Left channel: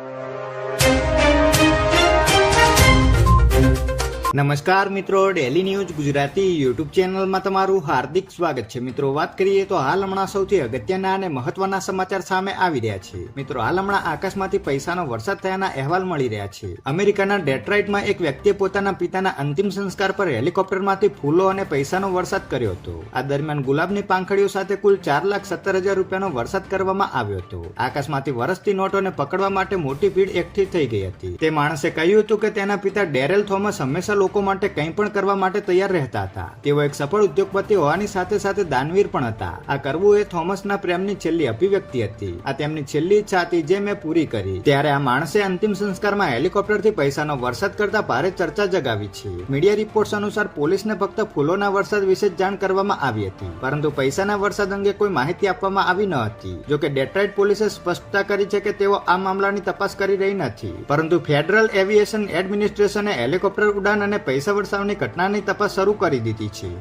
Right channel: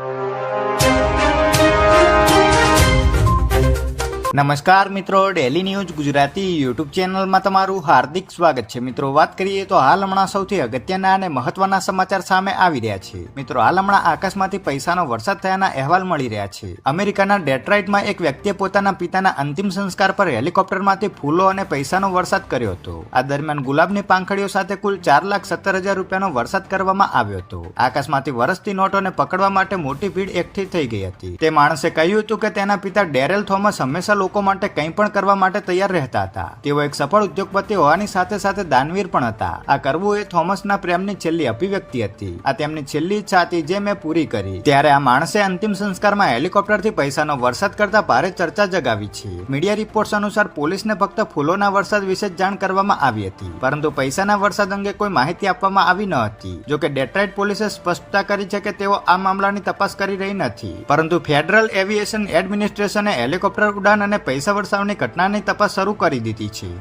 you. નમસ્કાર મિત્રો daily news Gujarati YouTube ચેનલમાં તમારું હાર્દિક સ્વાગત છે. મિત્રો, વાત કરીએ તો હાલ હમણાં સૌથી અગત્યના અને મહત્વના સમાચાર સામે આવી રહ્યા છે. મિત્રો, હાલ હમણાં આકાશમાંથી પૈસાનો વરસાદ થયાના અહેવાલ મળી રહ્યા છે. અમેરિકાના ડેટ્રાઇટમાં એક વ્યક્તિએ પોતાના પિતાના અંતિમ સંસ્કાર પર હેલિકોપ્ટરમાંથી ફૂલો અને પૈસાનો વરસાદ કર્યો હતો. આ દરમિયાન ગુલાબની પાંખડીઓ સાથે કુલ ચાર લાખ સત્તર હજાર રૂપિયાનો વરસાદ કરવામાં આવ્યો હતો. આકાશમાંથી વરસતી નોટોને પકડવા માટે મોટી ભીડ એકઠી થઈ ગઈ હતી. તે માણસે કહ્યું હતું કે તેના પિતા ડેરેલ થોમસ હંમેશા લોકો માટે કંઈ પણ કરવા માટે તૈયાર રહેતા હતા. તેઓ એક સફળ ઉદ્યોગપતિ હોવાની સાથે સાથે દાનવીર પણ હતા. આ કરવું એ થોમસના પ્રેમની છેલ્લી અભિવ્યક્તિ હતી. આ તેમની છેલ્લી ઈચ્છા હતી જે મેં પૂરી કરી. ત્યારે આ માણસે અંતિમ સંસ્કારમાં હેલિકોપ્ટરથી પૈસાનો વરસાદ કરતા ભારે ચર્ચા જગાવી છે. મીડિયા રિપોર્ટ્સ અનુસાર પોલીસને ફક્ત ફૂલોના વરસાદ વિશે જાણ કરવામાં આવી હતી. પરંતુ પૈસાના વરસાદ અંગે કોઈ માહિતી આપવામાં આવી ન હતી. જોકે ડેટ્રાઇટ પોલીસે સ્પષ્ટતા કરી છે કે તેઓ આ મામલાની તપાસ કરી રહી નથી. પરંતુ ફેડરલ એવિએશન એડમિનિસ્ટ્રેશને હેલિકોપ્ટર ઉડાન અને પૈસા વરસાવની ઘટનાની તપાસ શરૂ કરી દીધી છે.